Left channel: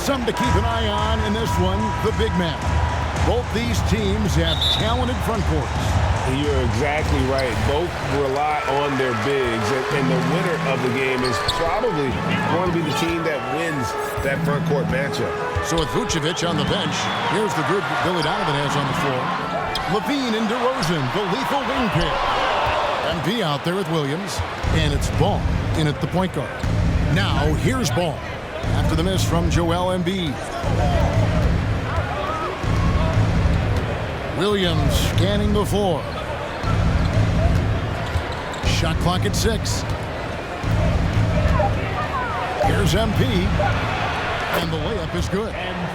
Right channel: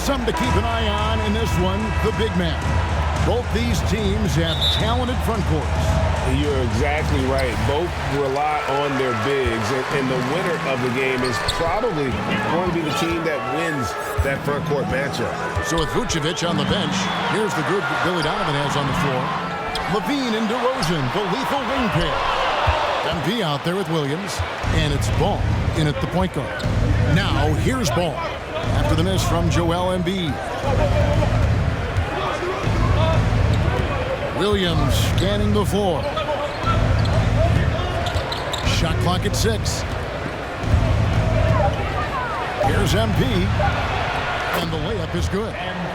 Something to keep an eye on in this one, the big man. Both these teams have talented front courts. You're exactly right. Both rely on their bigs, and the winner of the game is probably going to be the team that wins that front court matchup. So with Vucevic on the bench, here's the group that Billy Donovan has on the floor. Levine and DeRozan, the lethal wing pair. MP out there with Williams, and it's Ball in at the point guard. Now here's Ball after the miss from Joel Embiid. Williams scanning the floor. Shot clock at 6. Here's MP, and the layup is good.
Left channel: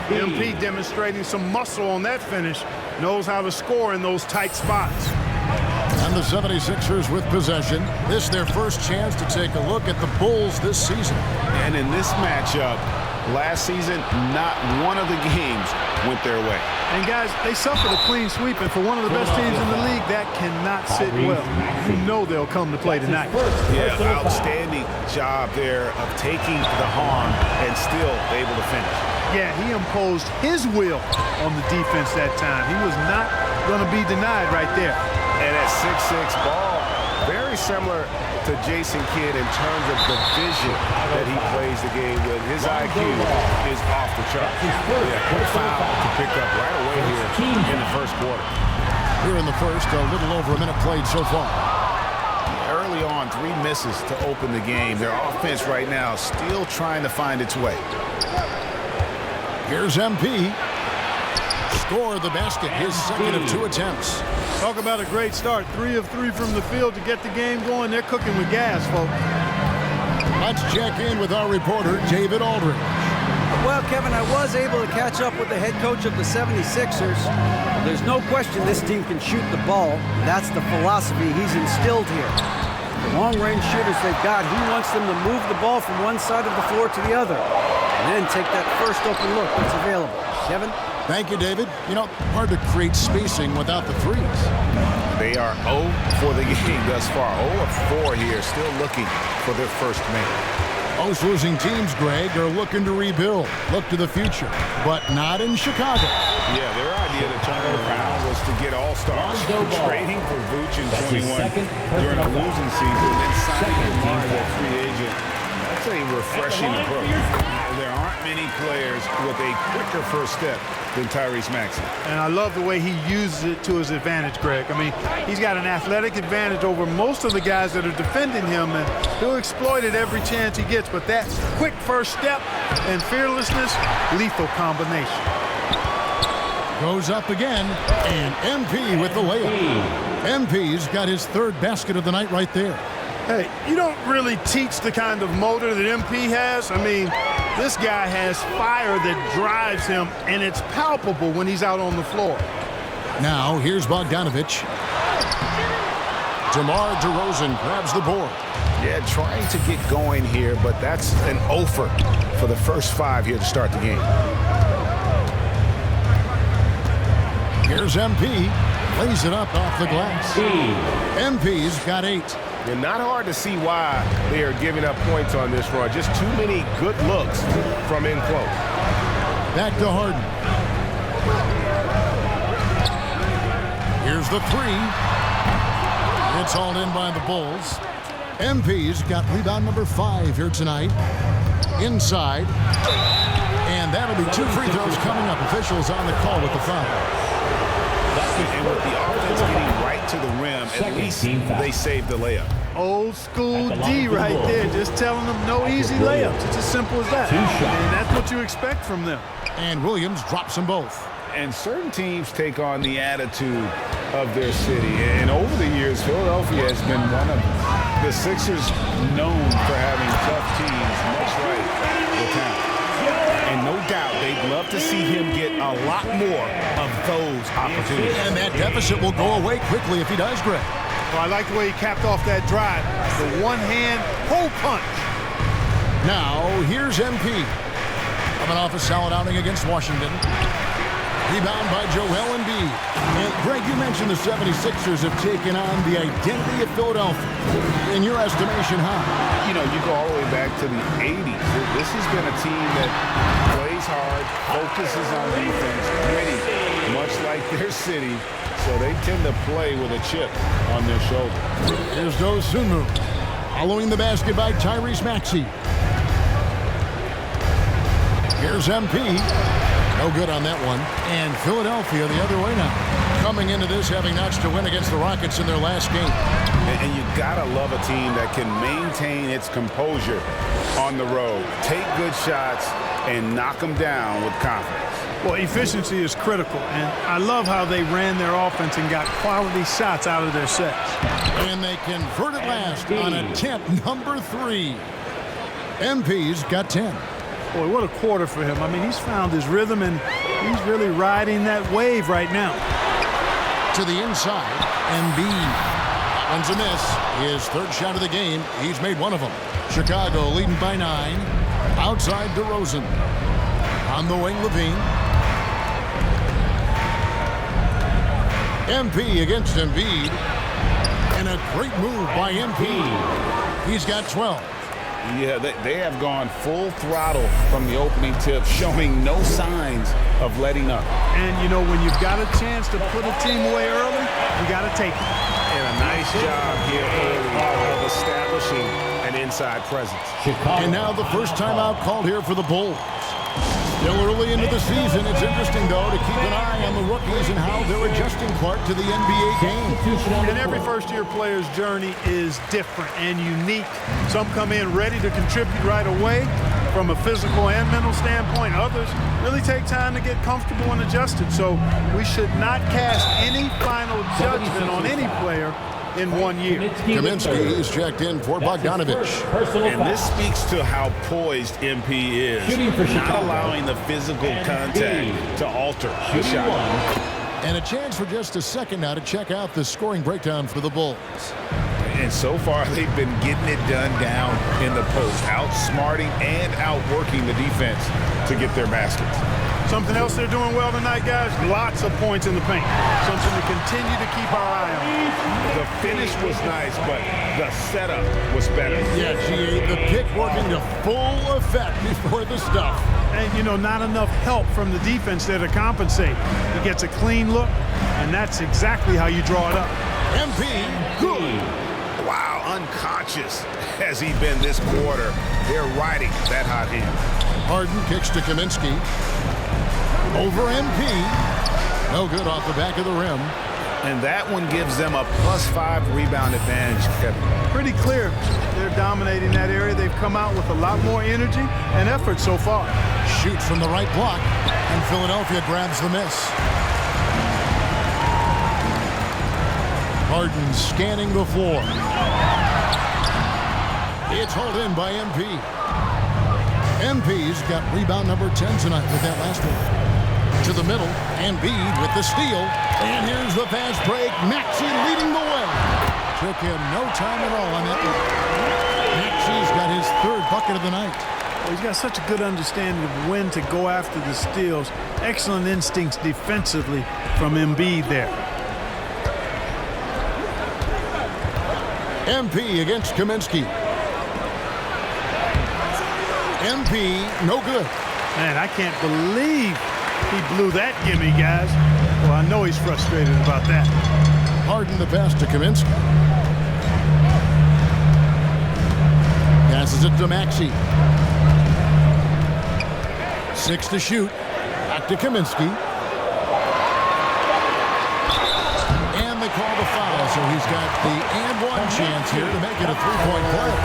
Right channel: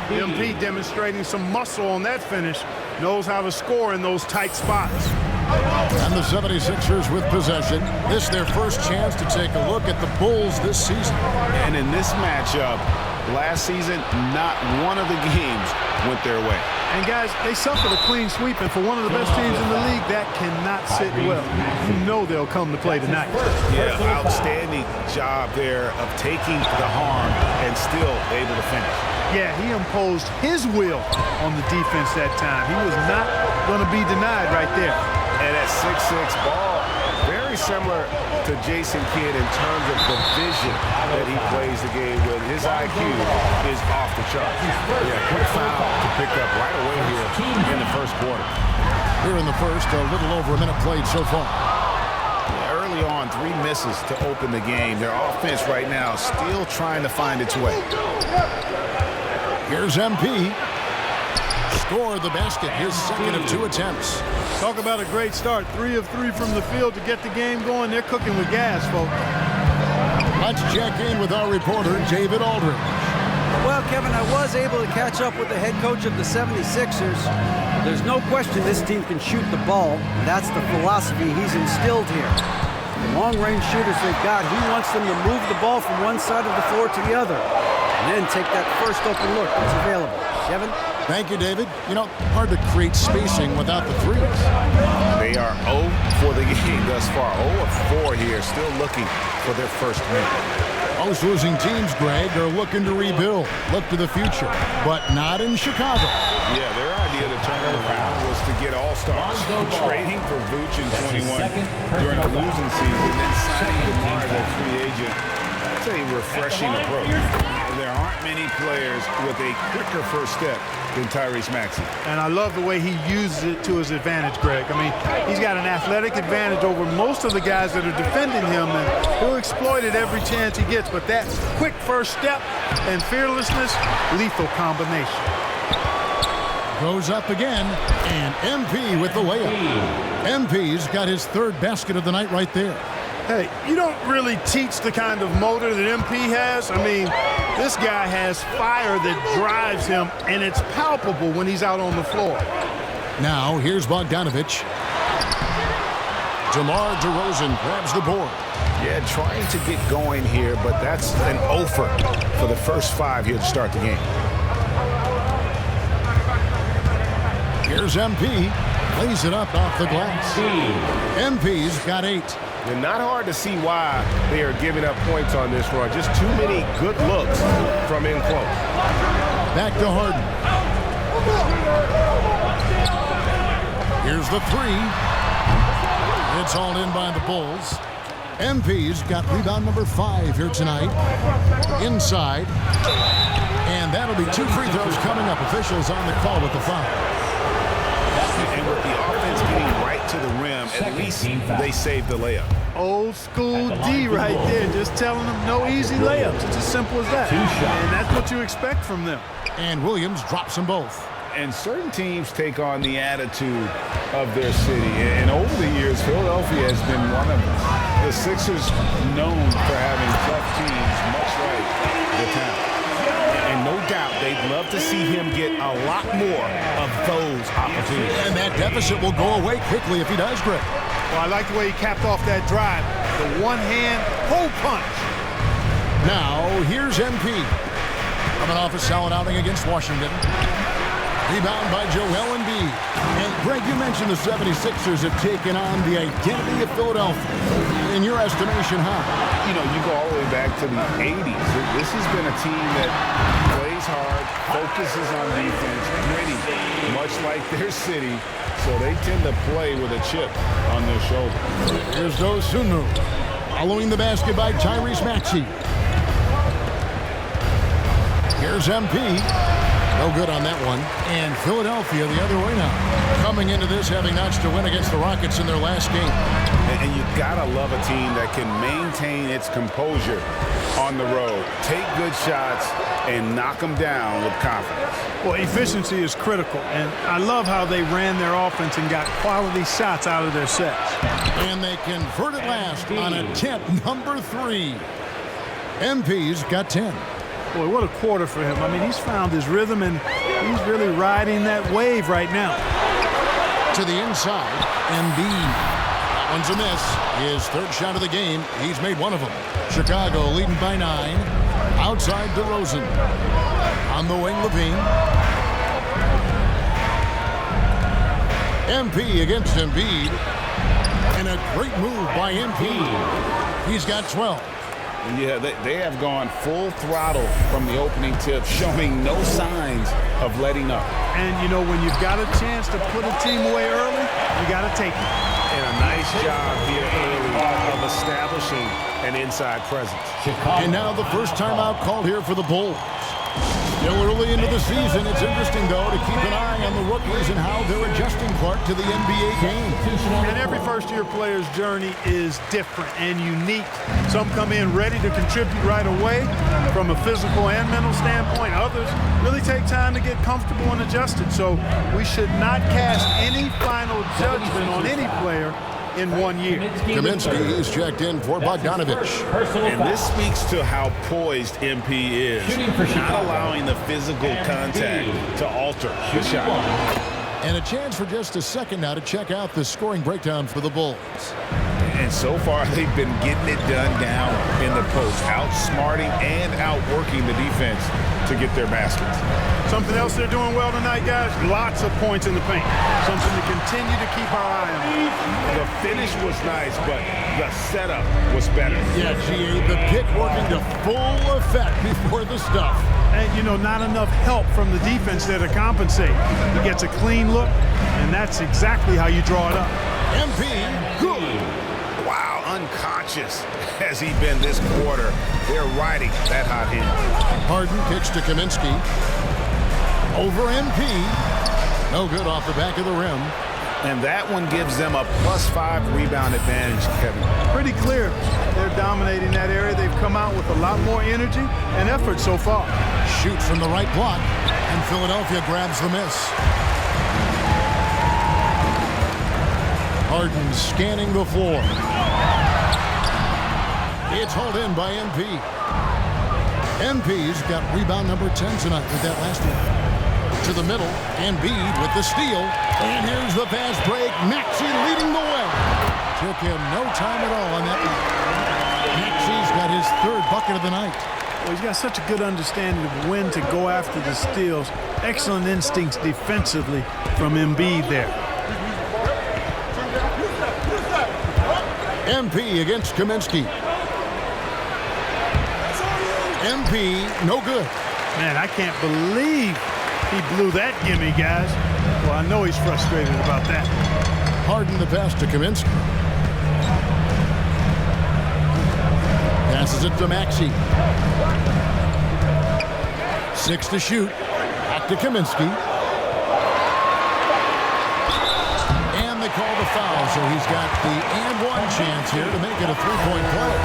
MP demonstrating some muscle on that finish. Knows how to score in those tight spots. And the 76ers with possession. This their first chance to take a look at the Bulls this season. And in this matchup, last season, not one of the games went their way. And guys, they suffered a clean sweep, and for one of the best teams in the league, that cannot sit well. You know they'll come to play tonight. Yeah, outstanding job there of taking the harm and still able to finish. Yeah, he imposed his will on the defense that time. He was not going to be denied right there. And at 6'6", Ball, very similar to Jason Kidd in terms of the vision that he plays the game with. His IQ is off the charts. Yeah, quick foul to pick up right away here in the first quarter. Here in the first, a little over a minute played so far. Yeah, early on, 3 misses to open the game. Their offense right now still trying to find its way. Here's MP. Score the basket, his second of 2 attempts. Talk about a great start. 3 of 3 from the field to get the game going. They're cooking with gas, folks. Let's check in with our reporter, David Aldridge. Well, Kevin, I was able to catch up with the head coach of the 76ers. There's no question this team can shoot the ball, and that's the philosophy he's instilled here. The long-range shooters they've got, he wants them to move the ball from one side of the floor to the other, and then take that first open look that's available. Kevin? Thank you, David. You know, hard to create spacing without the threes. They are 0 for the game thus far. 0 of 4 here, still looking for their first make. Most losing teams, Greg, are looking to rebuild, look to the future, but not in Chicago. Yeah, their idea to turn it around was to get all-stars. Trading for Vooch in 21 during a losing season, then signing DeMar as a free agent. That's a refreshing approach. There aren't many players with a quicker first step than Tyrese Maxey. And I love the way he uses it to his advantage, Greg. I mean, he's got an athletic advantage over most of the guys that are defending him, and he'll exploit it every chance he gets. But that quick first step and fearlessness, lethal combination. Goes up again, and MP with the layup. MP's got his 3rd basket of the night right there. Hey, you don't really teach the kind of motor that MP has. I mean, this guy has fire that drives him, and it's palpable when he's out on the floor. Now, here's Bogdanovich. DeMar DeRozan grabs the board. Yeah, trying to get going here, but that's an offer for the first 5 here to start the game. Here's MP. Lays it up off the glass. MP's got 8. And not hard to see why they are giving up points on this run. Just too many good looks from in close. Back to Harden. Here's the 3. It's hauled in by the Bulls. MP's got rebound number 5 here tonight. Inside. And that'll be 2 free throws coming up. Officials on the call with the foul. And with the offense getting right to the rim, at least they saved the layup. Old school D right there, just telling them no easy layups. It's as simple as that. And that's what you expect from them. And Williams drops them both. And certain teams take on the attitude of their city. And over the years, Philadelphia has been one of them. The Sixers known for having tough teams, much like the town. And no doubt they'd love to see him get a lot more of those opportunities. And that deficit will go away quickly if he does, Greg. Well, I like the way he capped off that drive. The one-hand hole punch. Now, here's MP. Coming off a solid outing against Washington. Rebound by Joel Embiid. And, Greg, you mentioned the 76ers have taken on the identity of Philadelphia. In your estimation, how? you know, you go all the way back to the 80s. This has been a team that plays hard, focuses on defense, gritty, much like their city. So they tend to play with a chip on their shoulder. Here's Dosunmu, following the basket by Tyrese Maxey. Here's MP. No good on that one. And Philadelphia the other way now. Coming into this having notched a win against the Rockets in their last game. And you gotta love a team that can maintain its composure on the road, take good shots, and knock them down with confidence. Well, efficiency is critical, and I love how they ran their offense and got quality shots out of their sets. And they converted last on attempt number 3. MP's got 10. Boy, what a quarter for him. I mean, he's found his rhythm, and he's really riding that wave right now. To the inside, Embiid. That one's a miss. His third shot of the game. He's made one of them. Chicago leading by 9. Outside DeRozan. On the wing, Levine. MP against Embiid. And a great move by MP. He's got 12. Yeah, they have gone full throttle from the opening tip, showing no signs of letting up. And, you know, when you've got a chance to put a team away early, you got to take it. And a nice job here early of establishing an inside presence. And now the first timeout called here for the Bulls. Still early into the season. It's interesting, though, to keep an eye on the rookies and how they're adjusting, Clark, to the NBA game. And every first-year player's journey is different and unique. Some come in ready to contribute right away from a physical and mental standpoint. Others really take time to get comfortable and adjusted. So we should not cast any final judgment on any player in 1 year. Kaminsky is checked in for Bogdanovich. And this speaks to how poised MP is, not allowing the physical contact to alter the shot. And a chance for just a second now to check out the scoring breakdown for the Bulls. And so far, they've been getting it done down in the post, outsmarting and outworking the defense to get their baskets. Something else they're doing well tonight, guys, lots of points in the paint. Something to continue to keep our eye on. The finish was nice, but the setup was better. Yeah, GA, the pick working to full effect before the stuff. And, you know, not enough help from the defense there to compensate. He gets a clean look, and that's exactly how you draw it up. MP, good. Wow, unconscious has he been this quarter. They're riding that hot hand. Harden kicks to Kaminsky. Over MP. No good off the back of the rim. And that one gives them a +5 rebound advantage, Kevin. Pretty clear. They're dominating that area. They've come out with a lot more energy and effort so far. Shoots from the right block, and Philadelphia grabs the miss. Harden scanning the floor. It's hauled in by MP. MP's got rebound number 10 tonight with that last one. To the middle, Embiid with the steal. And here's the fast break. Maxey leading the way. Took him no time at all on that one. Maxey's got his third bucket of the night. Well, he's got such a good understanding of when to go after the steals. Excellent instincts defensively from Embiid there. MP against Kaminsky. MP, no good. Man, I can't believe he blew that gimme, guys. Well, I know he's frustrated about that. Harden the pass to Kaminsky. Passes it to Maxey. 6 to shoot. Back to Kaminsky. And they call the foul, so he's got the and one chance here to make it a three-point play.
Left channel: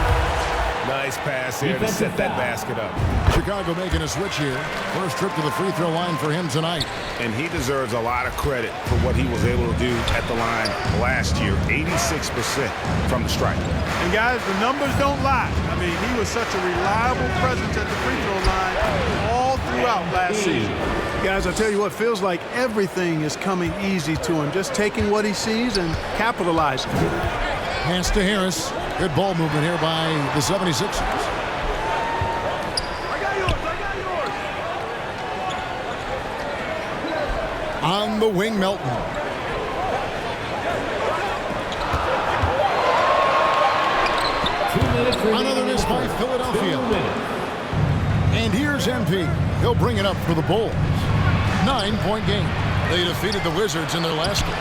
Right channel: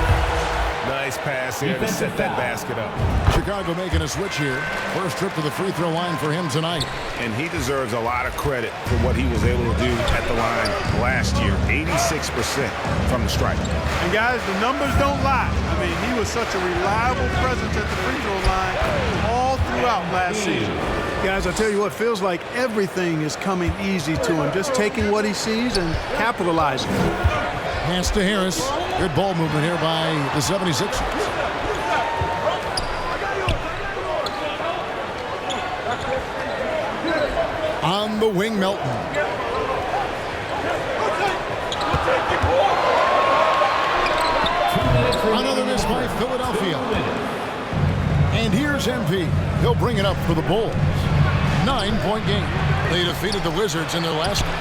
Nice pass here to set that basket up. Chicago making a switch here. First trip to the free throw line for him tonight. And he deserves a lot of credit for what he was able to do at the line last year. 86% from the stripe. And guys, the numbers don't lie. I mean, he was such a reliable presence at the free throw line all throughout last season. Guys, I tell you what, feels like everything is coming easy to him. Just taking what he sees and capitalizing. Pass to Harris. Good ball movement here by the 76ers. I got yours. On the wing, Melton. Another by Philadelphia. And here's MP. He'll bring it up for the Bulls. 9-point game. They defeated the Wizards in their last game.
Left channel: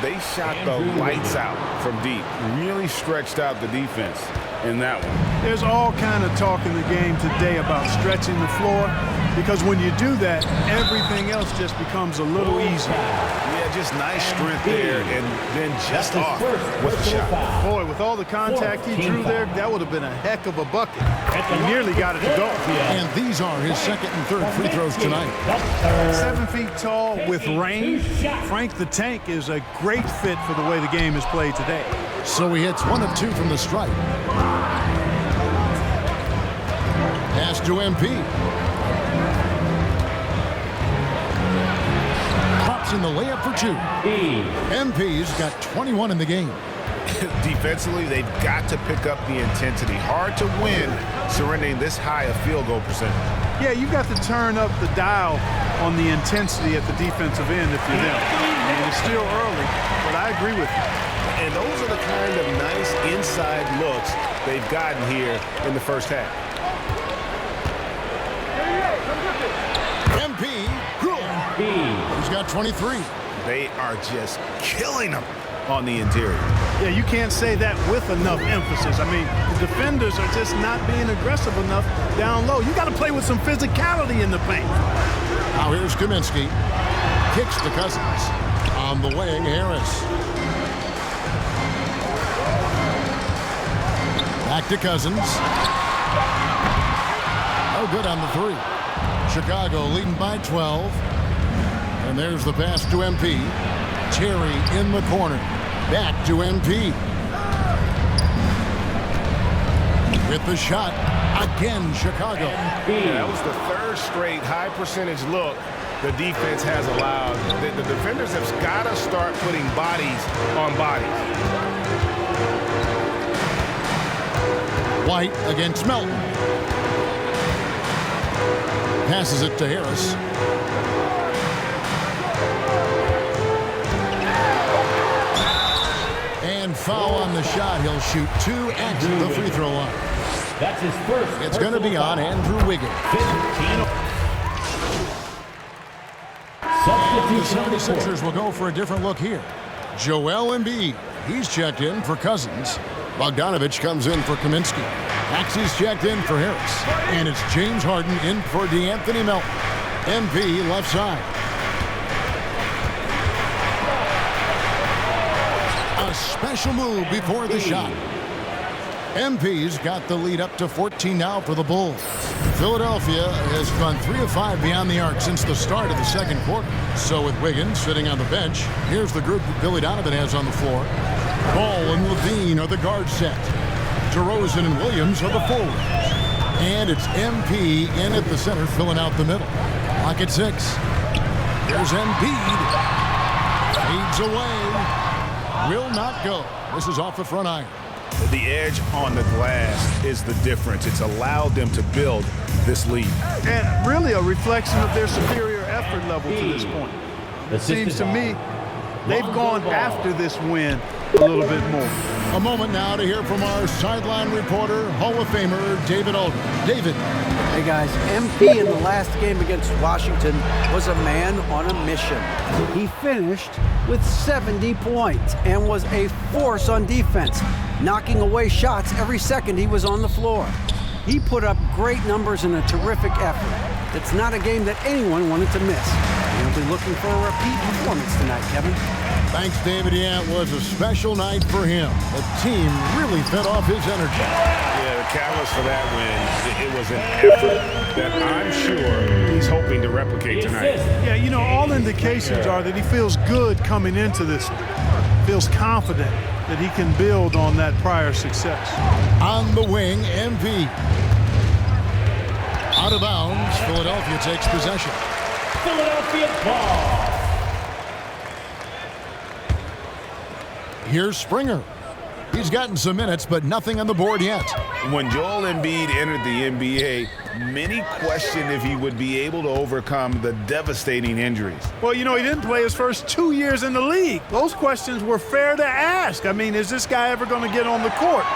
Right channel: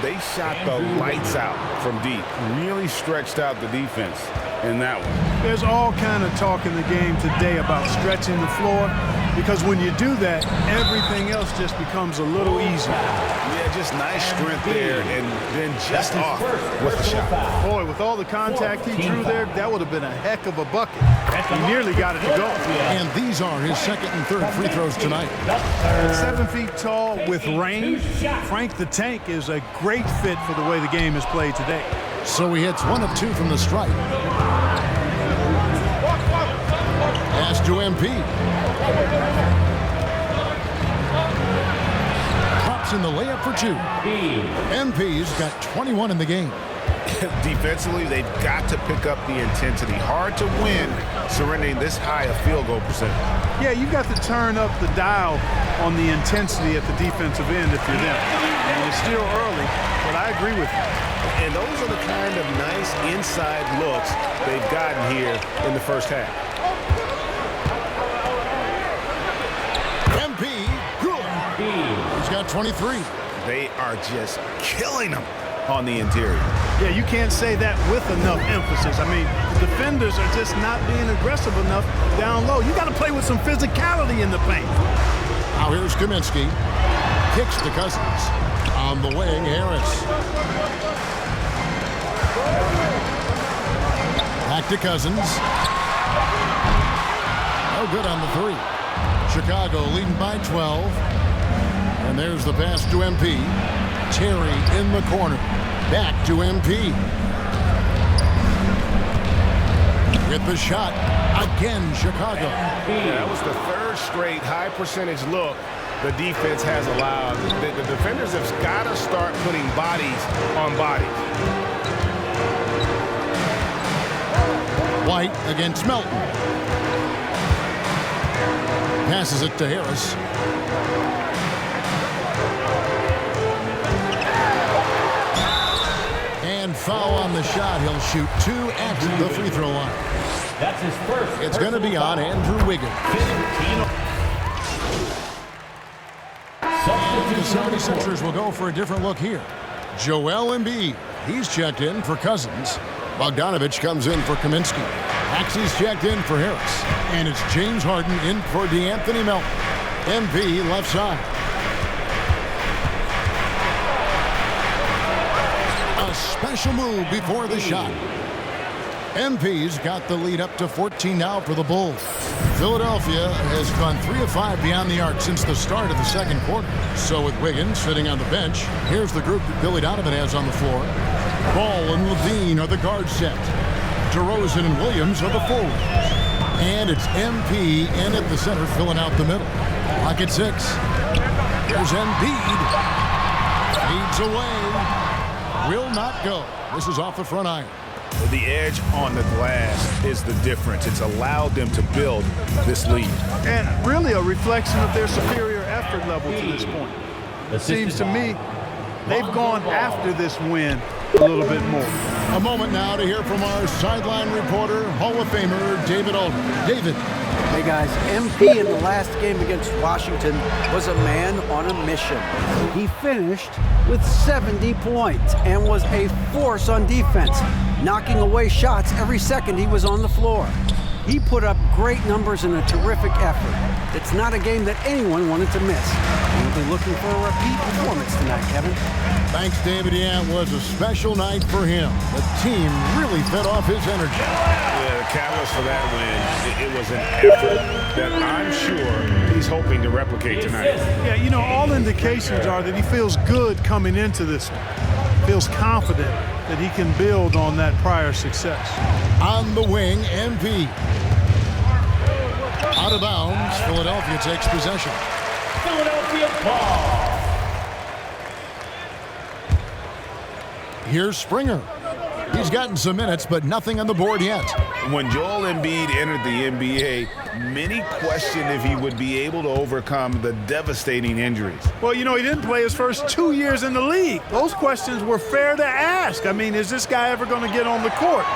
They shot the lights out from deep. Really stretched out the defense in that one. There's all kind of talk in the game today about stretching the floor, because when you do that, everything else just becomes a little easier. Yeah, just nice strength there, and then just off with the shot. Boy, with all the contact he drew there, that would have been a heck of a bucket. He nearly got it to go. And these are his second and third free throws tonight. At 7 feet tall with range, Frank the Tank is a great fit for the way the game is played today. So he hits 1 of 2 from the stripe. Pass to MP. Drops in the layup for 2. MP's got 21 in the game. Defensively, they've got to pick up the intensity. Hard to win surrendering this high a field goal percentage. Yeah, you've got to turn up the dial on the intensity at the defensive end if you're them. I mean, it's still early, but I agree with you. And those are the kind of nice inside looks they've gotten here in the first half. MP, good. He's got 23. They are just killing them on the interior. Yeah, you can't say that with enough emphasis. I mean, the defenders are just not being aggressive enough down low. You got to play with some physicality in the paint. Now here's Kaminsky. Kicks to Cousins. On the wing, Harris. Back to Cousins. No good on the 3. Chicago leading by 12. And there's the pass to MP. Terry in the corner. Back to MP. With the shot. Again, Chicago. Yeah, that was the third straight high percentage look the defense has allowed. The defenders have got to start putting bodies on bodies. White against Melton. Passes it to Harris. And foul on the shot. He'll shoot 2 at the free throw line. That's his first. It's going to be on Andrew Wiggins. And the 76ers will go for a different look here. Joel Embiid. He's checked in for Cousins. Bogdanovich comes in for Kaminsky. Maxey's checked in for Harris. And it's James Harden in for DeAnthony Melton. MP left side. A special move before the shot. MP's got the lead up to 14 now for the Bulls. Philadelphia has gone 3 of 5 beyond the arc since the start of the second quarter. So with Wiggins sitting on the bench, here's the group that Billy Donovan has on the floor. Ball and Levine are the guard set. DeRozan and Williams are the forwards. And it's MP in at the center, filling out the middle. Clock at 6. Here's Embiid. Fades away. Will not go. This is off the front iron. The edge on the glass is the difference. It's allowed them to build this lead. And really a reflection of their superior effort level to this point. It seems to me they've gone after this win a little bit more. A moment now to hear from our sideline reporter, Hall of Famer David Aldridge. David. Hey guys, MP in the last game against Washington was a man on a mission. He finished with 70 points and was a force on defense, knocking away shots every second he was on the floor. He put up great numbers in a terrific effort. It's not a game that anyone wanted to miss. And he'll be looking for a repeat performance tonight, Kevin. Thanks, David. Yeah, it was a special night for him. The team really fed off his energy. Yeah, the catalyst for that win, it was an effort that I'm sure he's hoping to replicate tonight. Yeah, you know, all indications are that he feels good coming into this one. Feels confident that he can build on that prior success. On the wing, MP. Out of bounds, Philadelphia takes possession. Philadelphia ball. Here's Springer. He's gotten some minutes, but nothing on the board yet. When Joel Embiid entered the NBA, many questioned if he would be able to overcome the devastating injuries. Well, you know, he didn't play his first 2 years in the league. Those questions were fair to ask. I mean, is this guy ever going to get on the court?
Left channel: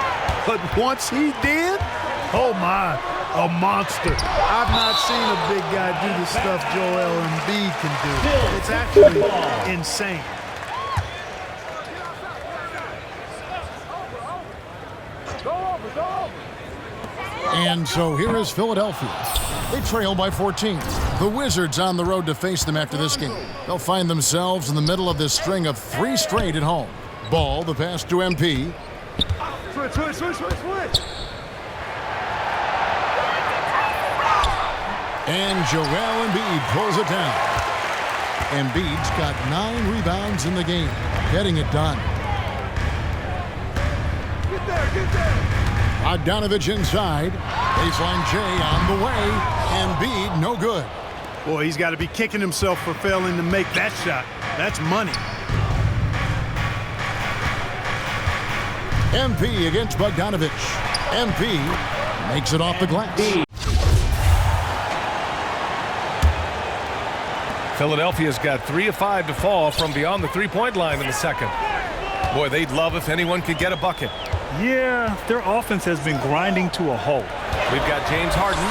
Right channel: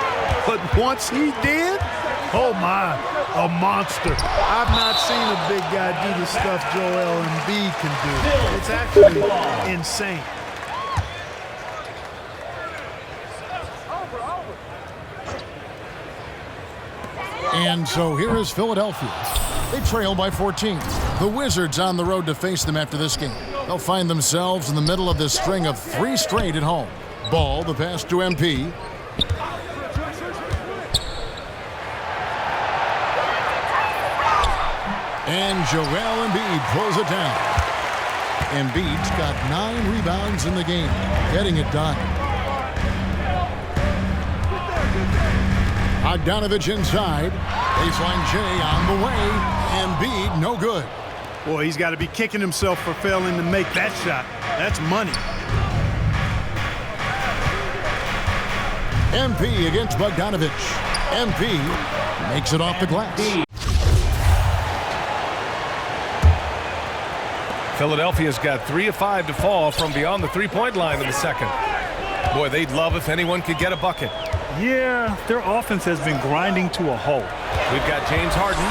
But once he did, Oh, my, a monster. I've not seen a big guy do the stuff Joel Embiid can do. It's actually insane. And so here is Philadelphia. They trail by 14. The Wizards on the road to face them after this game. They'll find themselves in the middle of this string of 3 straight at home. Ball, the pass to MP. And Joel Embiid pulls it down. Embiid's got 9 rebounds in the game, getting it done. Get there. Bogdanovich inside. Baseline J on the way. Embiid, no good. Boy, he's got to be kicking himself for failing to make that shot. That's money. MP against Bogdanovich. MP makes it off the glass. Philadelphia's got 3 of 5 to fall from beyond the three-point line in the second. Boy, they'd love if anyone could get a bucket. Yeah, their offense has been grinding to a halt. We've got James Harden.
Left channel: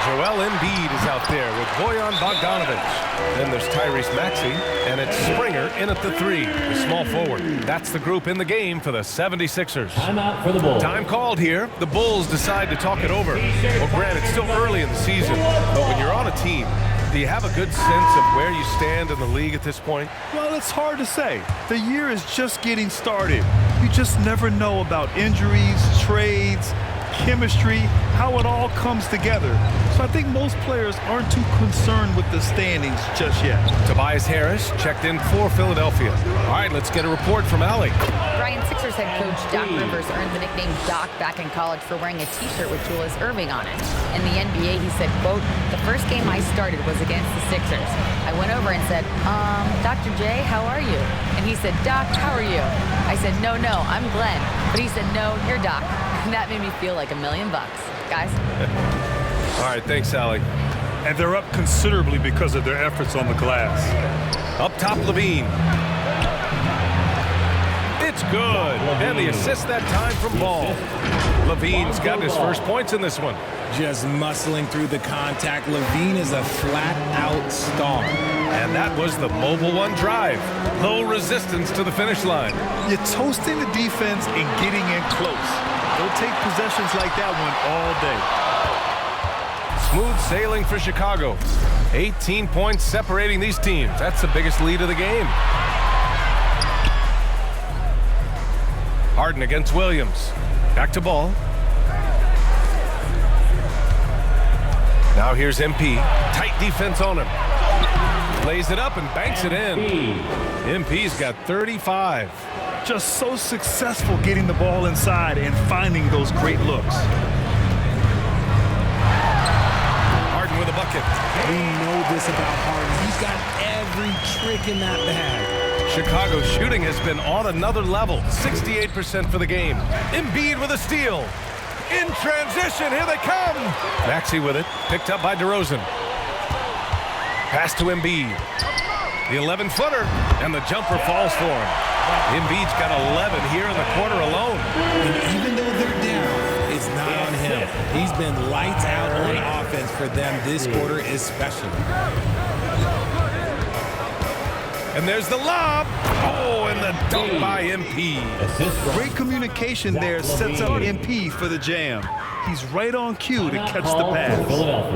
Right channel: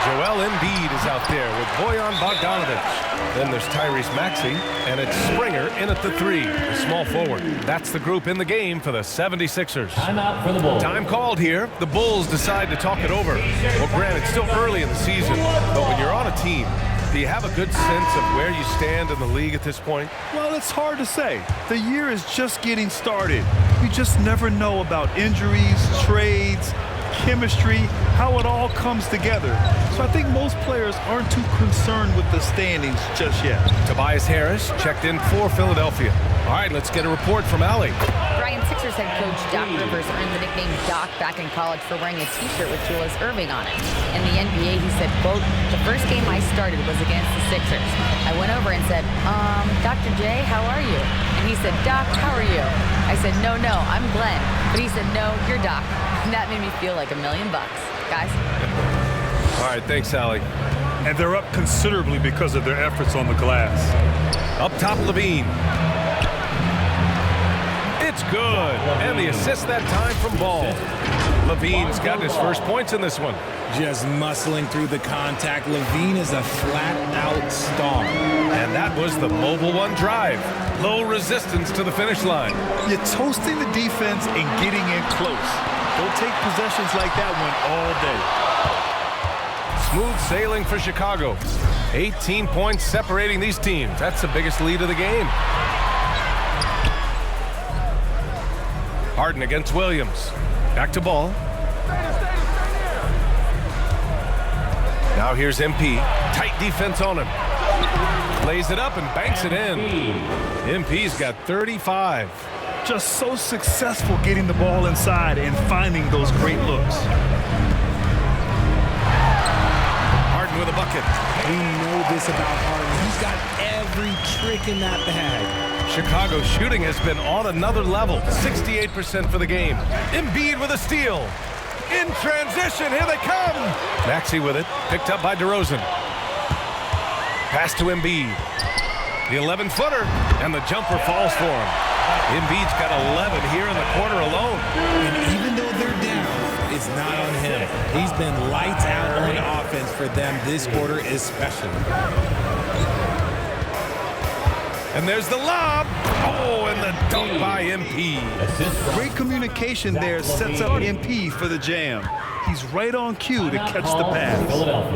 Joel Embiid is out there with Bojan Bogdanovich. Then there's Tyrese Maxey, and it's Springer in at the 3, the small forward. That's the group in the game for the 76ers. Timeout for the Bulls. Time called here. The Bulls decide to talk it over. Well, granted, it's still early in the season, but when you're on a team, do you have a good sense of where you stand in the league at this point? Well, it's hard to say. The year is just getting started. You just never know about injuries, trades, chemistry, how it all comes together. So I think most players aren't too concerned with the standings just yet. Tobias Harris checked in for Philadelphia. All right, let's get a report from Allie. Brian, Sixers head coach Doc Rivers earned the nickname Doc back in college for wearing a t-shirt with Julius Erving on it. In the NBA, he said, quote, "The first game I started was against the Sixers. I went over and said, Dr. J, how are you?" And he said, "Doc, how are you?" I said, no, I'm Glenn." But he said, "No, you're Doc." And that made me feel like $1 million, guys. All right, thanks, Allie. And they're up considerably because of their efforts on the glass. Up top, Levine. It's good. And the assist that time from Ball. Levine's got his first points in this one. Just muscling through the contact. Levine is a flat-out star. And that was the mobile one drive. Low resistance to the finish line. You're toasting the defense and getting in close. They'll take possessions like that one all day. Smooth sailing for Chicago. 18 points separating these teams. That's the biggest lead of the game. Harden against Williams. Back to Ball. Now here's MP. Tight defense on him. Lays it up and banks it in. MP's got 35. Just so successful getting the ball inside and finding those great looks. Harden with a bucket. We know this about Harden. He's got every trick in that bag. Chicago's shooting has been on another level. 68% for the game. Embiid with a steal. In transition, here they come. Maxey with it, picked up by DeRozan. Pass to Embiid. The 11-footer, and the jumper falls for him. Embiid's got 11 here in the quarter alone. And even though they're down, it's not on him. He's been lights out on offense for them this quarter especially. And there's the lob. Oh, and the dunk by MP. Great communication there sets up MP for the jam. He's right on cue to catch the pass.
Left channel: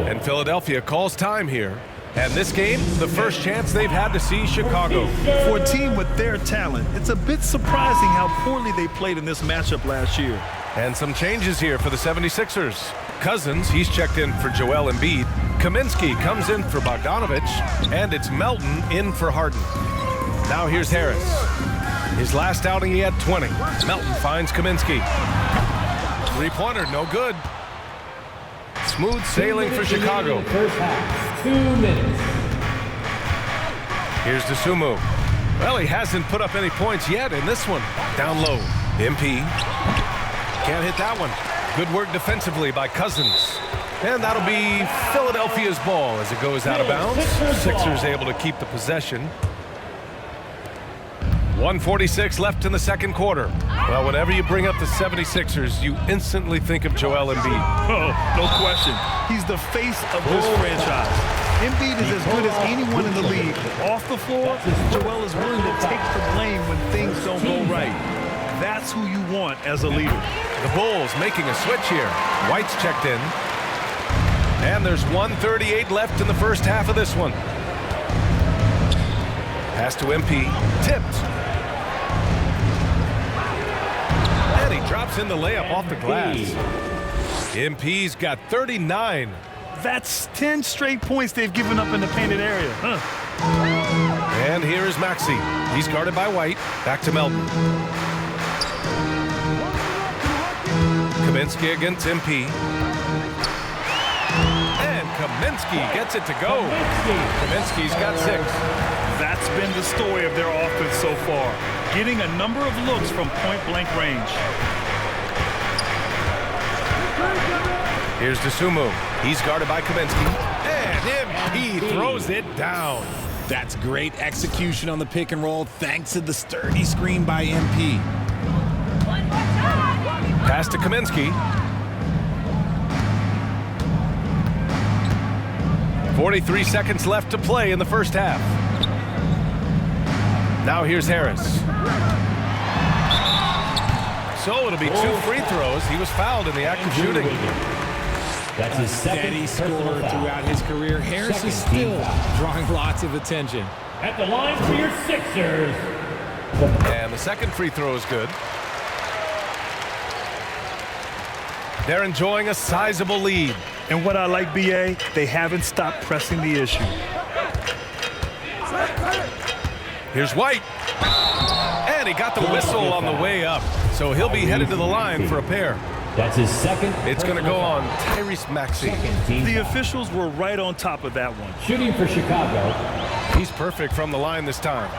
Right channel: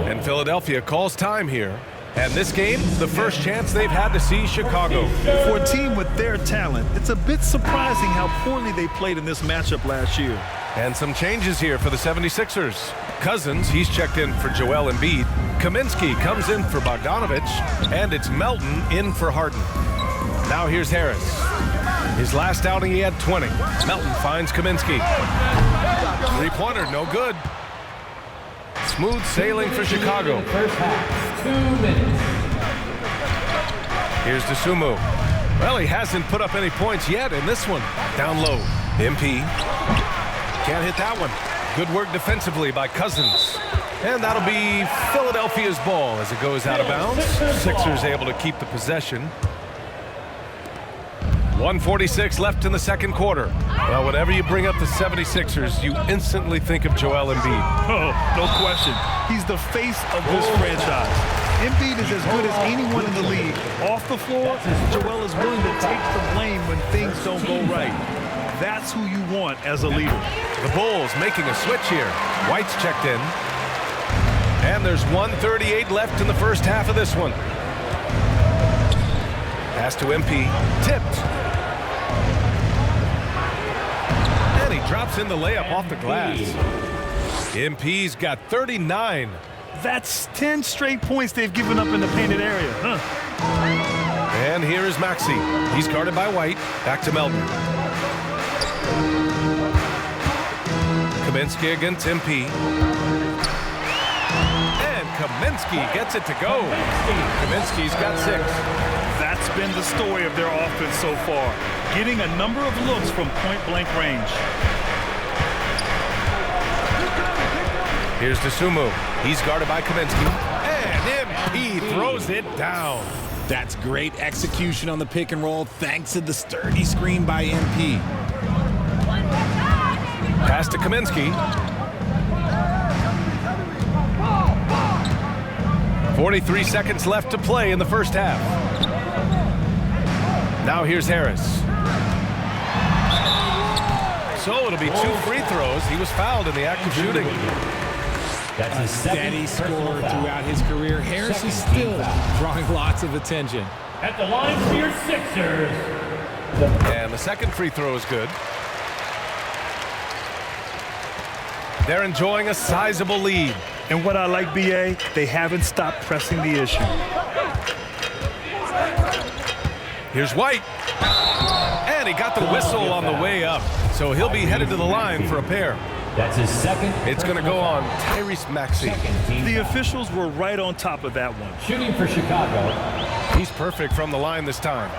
And Philadelphia calls time here. And this game, the first chance they've had to see Chicago. For a team with their talent, it's a bit surprising how poorly they played in this matchup last year. And some changes here for the 76ers. Cousins, he's checked in for Joel Embiid. Kaminsky comes in for Bogdanovich. And it's Melton in for Harden. Now here's Harris. His last outing, he had 20. Melton finds Kaminsky. Three-pointer, no good. Smooth sailing for Chicago. First half, 2 minutes. Here's DeSumo. Well, he hasn't put up any points yet in this one. Down low. MP. Can't hit that one. Good work defensively by Cousins. And that'll be Philadelphia's ball as it goes out of bounds. Sixers able to keep the possession. 1:46 left in the second quarter. Well, whenever you bring up the 76ers, you instantly think of Joel Embiid. Oh, no question. He's the face of this franchise. Embiid is as good as anyone in the league. Off the floor, Joel is willing to take the blame when things don't go right. That's who you want as a leader. The Bulls making a switch here. White's checked in. And there's 1:38 left in the first half of this one. Pass to MP. Tipped. And he drops in the layup off the glass. MP's got 39. That's 10 straight points they've given up in the painted area. And here is Maxey. He's guarded by White. Back to Melton. Kaminsky against MP. And Kaminsky gets it to go. Kaminsky's got 6. That's been the story of their offense so far, getting a number of looks from point-blank range. Here's Dosunmu. He's guarded by Kaminsky. And MP throws it down. That's great execution on the pick and roll thanks to the sturdy screen by MP. Pass to Kaminsky. 43 seconds left to play in the first half. Now here's Harris. So it'll be 2 free throws. He was fouled in the act of shooting. A steady scorer throughout his career. Harris is still drawing lots of attention. At the line for your Sixers. And the second free throw is good. They're enjoying a sizable lead. And what I like, BA, they haven't stopped pressing the issue. Here's White. And he got the whistle on the way up. So he'll be headed to the line for a pair. That's his second. It's going to go on Tyrese Maxey. The officials were right on top of that one. Shooting for Chicago. He's perfect from the line this time.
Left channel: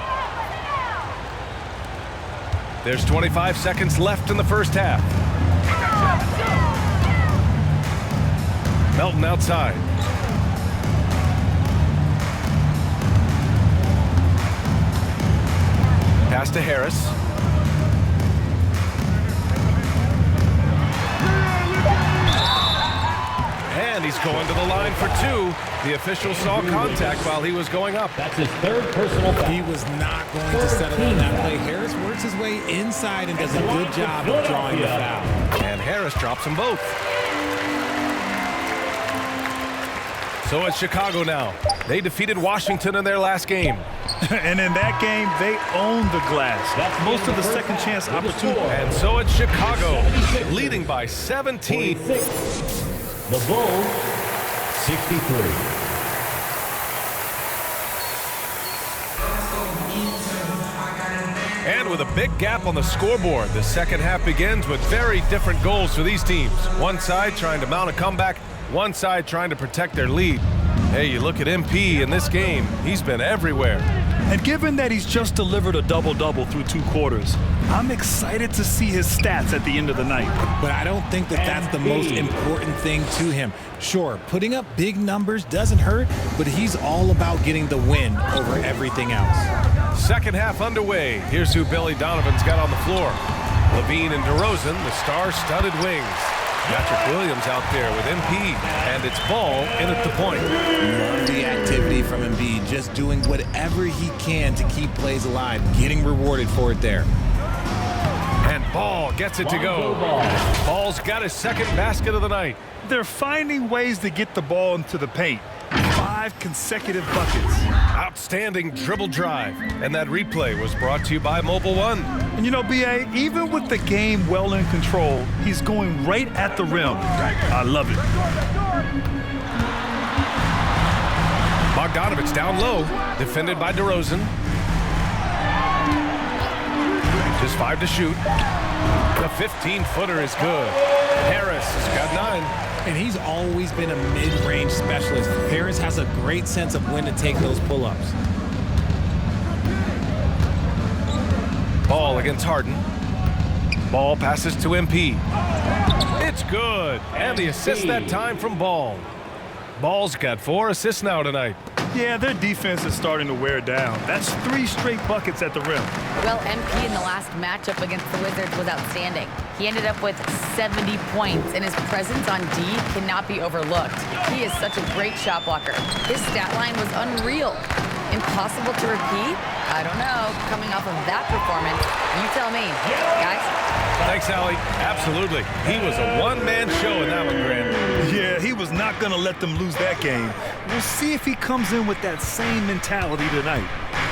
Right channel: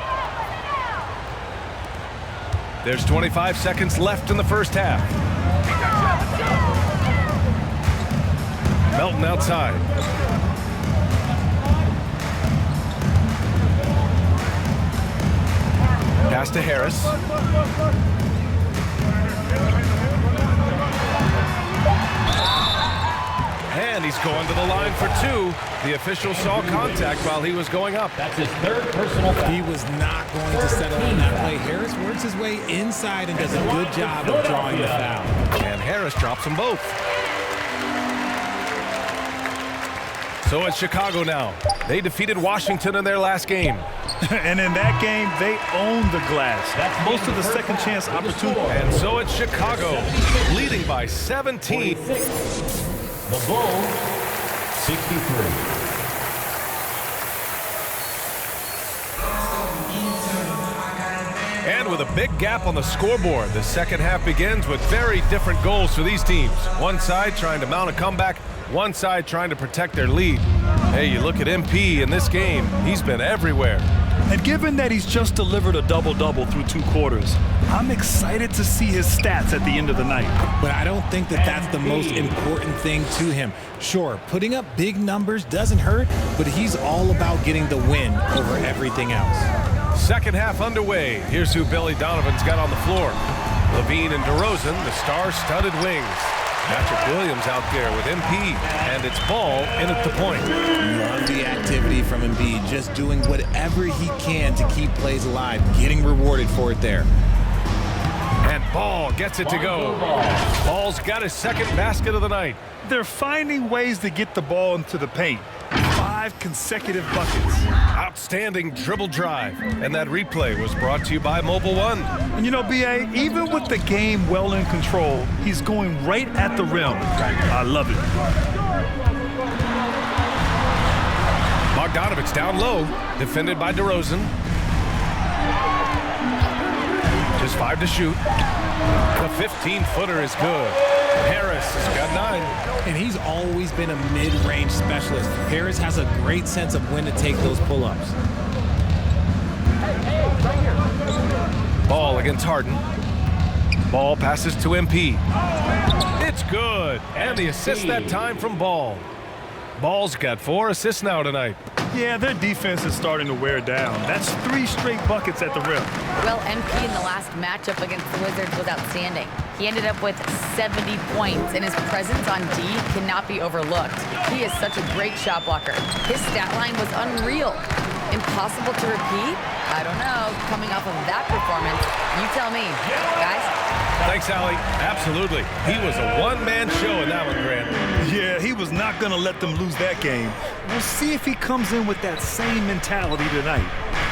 There's 25 seconds left in the first half. Melton outside. Pass to Harris. And he's going to the line for 2. The official saw contact while he was going up. That's his third personal. He was not going to settle on that play. Harris works his way inside and does a good job of drawing the foul. And Harris drops them both. So it's Chicago now. They defeated Washington in their last game. And in that game, they owned the glass. Most of the second chance opportunity. And so it's Chicago, leading by 17. The Bulls, 63. And with a big gap on the scoreboard, the second half begins with very different goals for these teams. One side trying to mount a comeback, one side trying to protect their lead. Hey, you look at MP in this game, he's been everywhere. And given that he's just delivered a double-double through 2 quarters, I'm excited to see his stats at the end of the night. But I don't think that that's the most important thing to him. Sure, putting up big numbers doesn't hurt, but he's all about getting the win over everything else. Second half underway. Here's who Billy Donovan's got on the floor. Levine and DeRozan, the star-studded wings. Patrick Williams out there with MP, and it's Ball in at the point. Love the activity from Embiid, just doing whatever he can to keep plays alive, getting rewarded for it there. And Ball gets it to go. Ball's got his second basket of the night. They're finding ways to get the ball into the paint. 5 consecutive buckets. Outstanding dribble drive. And that replay was brought to you by Mobile One. And you know, BA, even with the game well in control, he's going right at the rim. I love it. Bogdanovich down low, defended by DeRozan. Just 5 to shoot. The 15-footer is good. Harris has got 9. And he's always been a mid-range specialist. Harris has a great sense of when to take those pull-ups. Ball against Harden. Ball passes to MP. It's good. And the assist that time from Ball. Ball's got 4 assists now tonight. Yeah, their defense is starting to wear down. That's 3 straight buckets at the rim. Well, MP in the last matchup against the Wizards was outstanding. He ended up with 70 points, and his presence on D cannot be overlooked. He is such a great shot blocker. His stat line was unreal. Impossible to repeat? I don't know. Coming off of that performance, you tell me. Guys? Thanks, Allie. Absolutely. He was a one-man show in that one, Grant. Yeah, he was not going to let them lose that game. We'll see if he comes in with that same mentality tonight.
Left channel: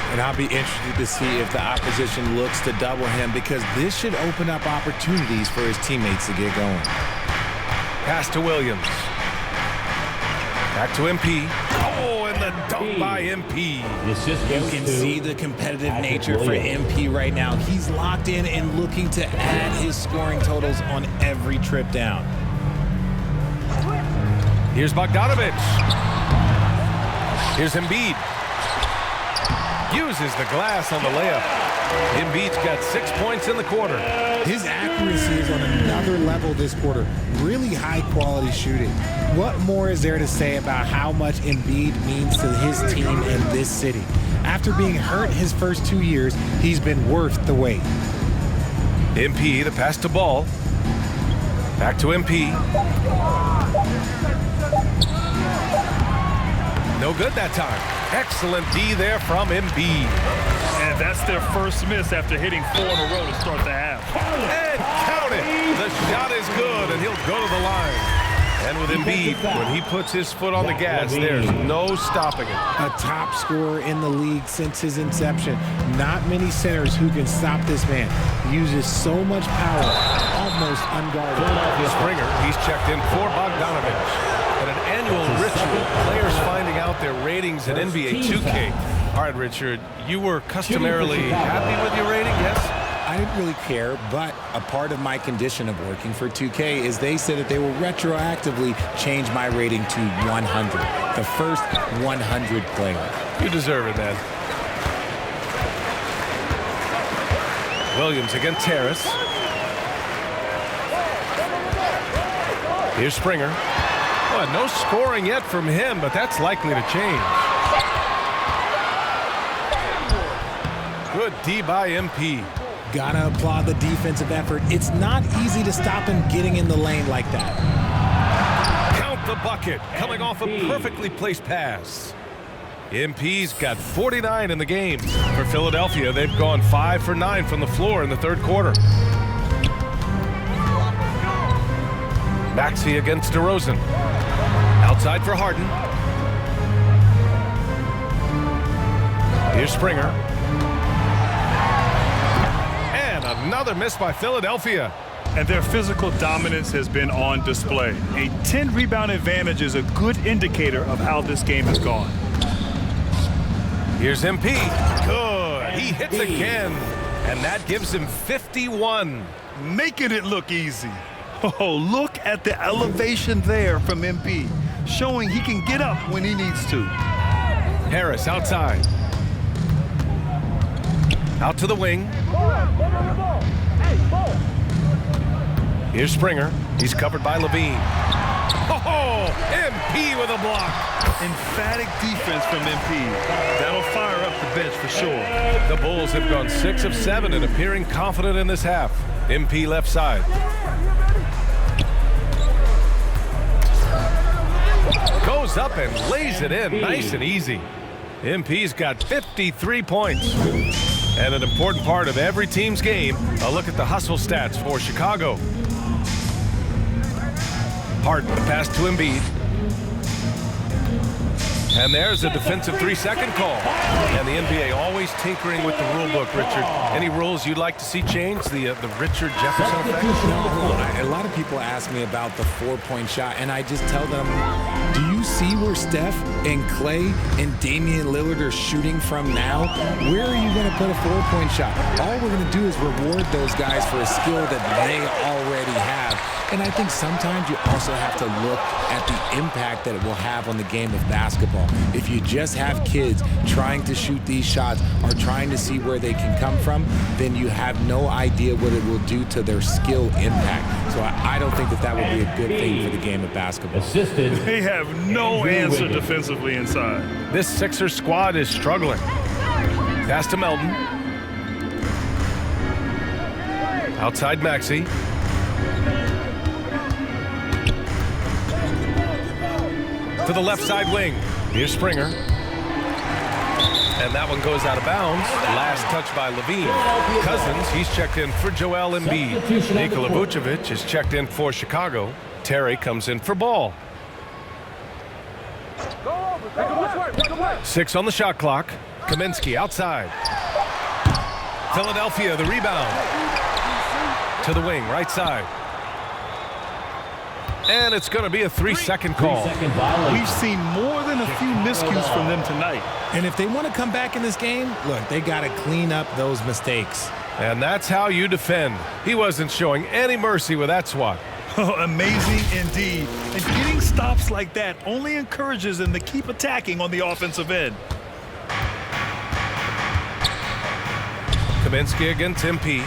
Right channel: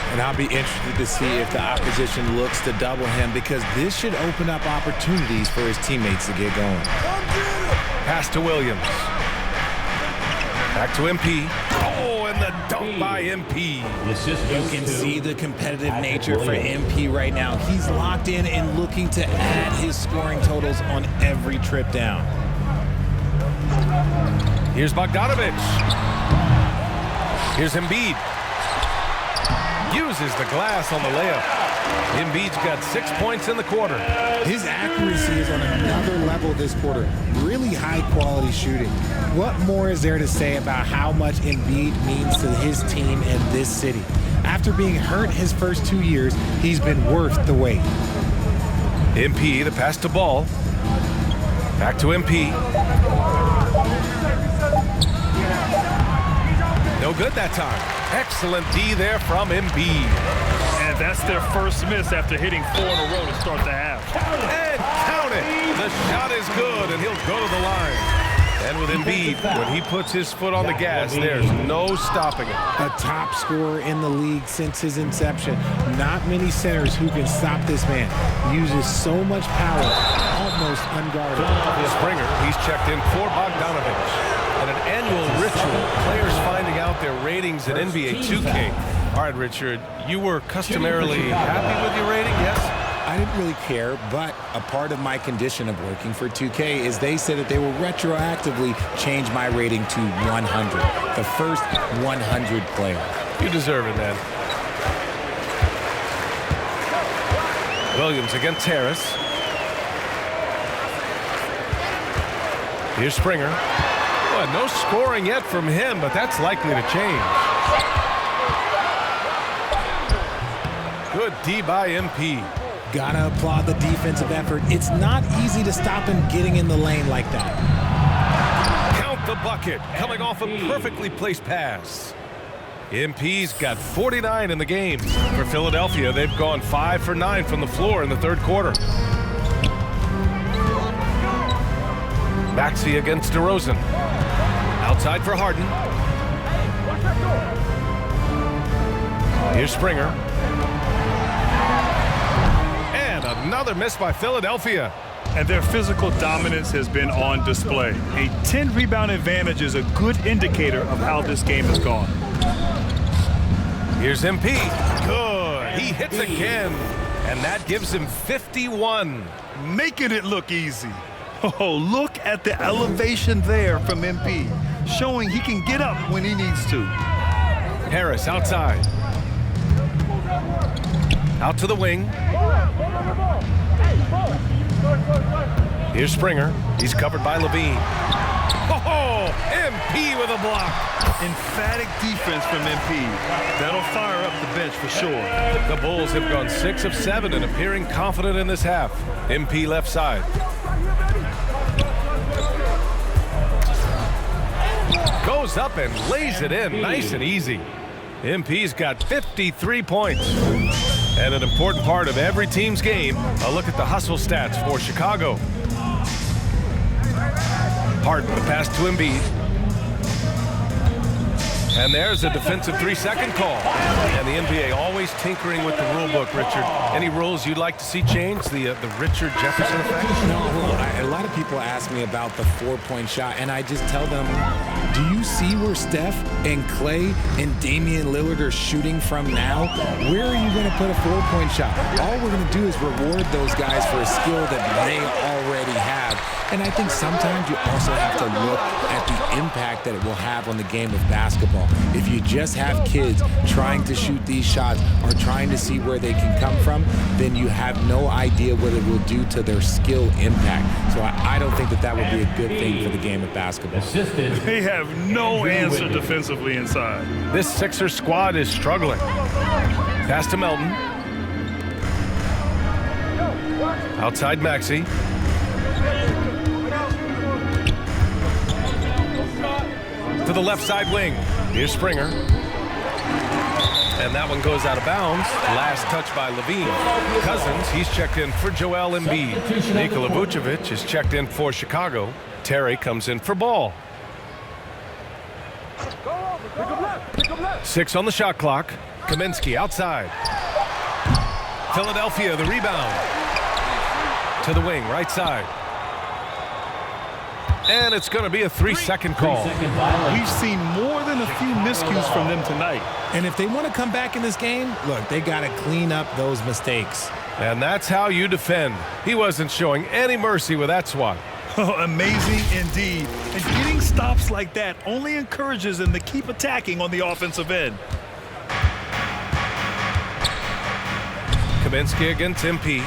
And I'll be interested to see if the opposition looks to double him, because this should open up opportunities for his teammates to get going. Pass to Williams. Back to MP. Oh, and the dunk by MP. You can see the competitive nature for MP right now. He's locked in and looking to add his scoring totals on every trip down. Here's Bogdanovich. Here's Embiid. Uses the glass on the layup. Embiid's got 6 points in the quarter. His accuracy is on another level this quarter. Really high quality shooting. What more is there to say about how much Embiid means to his team and this city? After being hurt his first 2 years, he's been worth the wait. MP, the pass to Ball. Back to MP. No good that time. Excellent D there from Embiid. And that's their first miss after hitting 4 in a row to start the half. And count it. The shot is good, and he'll go to the line. And with Embiid, when he puts his foot on the gas, there's no stopping him. A top scorer in the league since his inception. Not many centers who can stop this man. He uses so much power, almost unguarded. Springer, he's checked in for Bogdanovich. And an annual ritual, players finding out their ratings at NBA 2K. All right, Richard, you were customarily happy with your rating, yes? I didn't really care, but a part of my condition of working for 2K is they said that they will retroactively change my rating to 100, the first 100 player. You deserve it, man. Williams against Harris. Here's Springer. Boy, no scoring yet from him, but that's likely to change. Good D by MP. Gotta applaud the defensive effort. It's not easy to stop him getting in the lane like that. Count the bucket, coming off a perfectly placed pass. MP's got 49 in the game. For Philadelphia, they've gone 5 for 9 from the floor in the third quarter. Maxey against DeRozan. Outside for Harden. Here's Springer. And another miss by Philadelphia. And their physical dominance has been on display. A 10-rebound advantage is a good indicator of how this game has gone. Here's MP. Good. He hits again. And that gives him 51. Making it look easy. Oh, look at the elevation there from MP, showing he can get up when he needs to. Harris outside. Out to the wing. Here's Springer. He's covered by Levine. Oh, MP with a block. Emphatic defense from MP. That'll fire up the bench for sure. The Bulls have gone 6 of 7 and appearing confident in this half. MP left side. Goes up and lays it in nice and easy. MP's got 53 points. And an important part of every team's game, a look at the hustle stats for Chicago. Harden, the pass to Embiid. And there's a defensive 3-second call. And the NBA always tinkering with the rule book, Richard. Any rules you'd like to see changed? The Richard Jefferson effect? No, well, a lot of people ask me about the 4-point shot, and I just tell them, do you see where Steph and Clay and Damian Lillard are shooting from now? Where are you going to put a 4-point shot? All we're going to do is reward those guys for a skill that they already have. And I think sometimes you also have to look at the impact that it will have on the game of basketball. If you just have kids trying to shoot these shots or trying to see where they can come from, then you have no idea what it will do to their skill impact. So I don't think that would be a good thing for the game of basketball. They have have no answer defensively inside. This Sixers squad is struggling. Pass to Melton. Outside Maxey. To the left side wing. Here's Springer. And that one goes out of bounds. Last touch by Levine. Cousins, he's checked in for Joel Embiid. Nikola Vucevic is checked in for Chicago. Terry comes in for Ball. 6 on the shot clock. Kaminsky outside. Philadelphia, the rebound. To the wing, right side. And it's going to be a 3-second call. We've seen more than a few miscues from them tonight. And if they want to come back in this game, look, they got to clean up those mistakes. And that's how you defend. He wasn't showing any mercy with that swat. Amazing indeed. And getting stops like that only encourages them to keep attacking on the offensive end. Kaminsky against MP.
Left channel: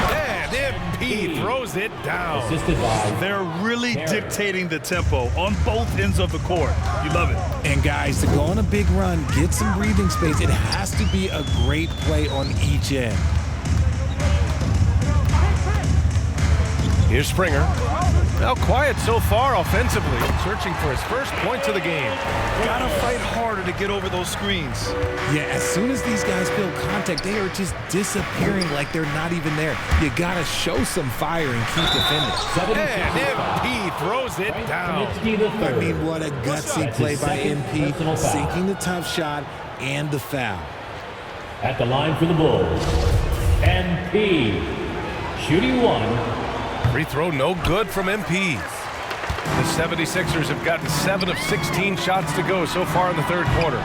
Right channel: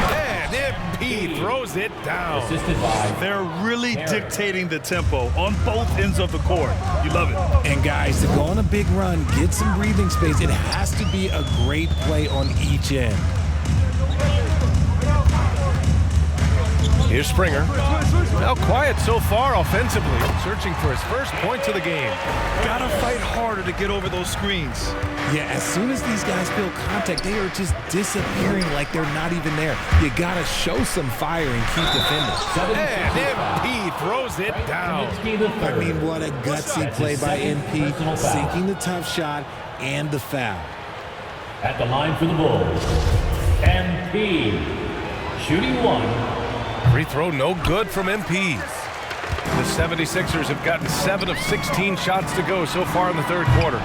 And MP throws it down. They're really dictating the tempo on both ends of the court. You love it. And guys, to go on a big run, get some breathing space, it has to be a great play on each end. Here's Springer. Now quiet so far offensively, searching for his first points of the game. Gotta fight harder to get over those screens. Yeah, as soon as these guys feel contact, they are just disappearing like they're not even there. You gotta show some fire and keep defending. And MP throws it down. I mean, what a gutsy play by MP, sinking the tough shot and the foul. At the line for the Bulls, MP. Shooting 1. Free throw no good from MP. The 76ers have gotten 7 of 16 shots to go so far in the third quarter.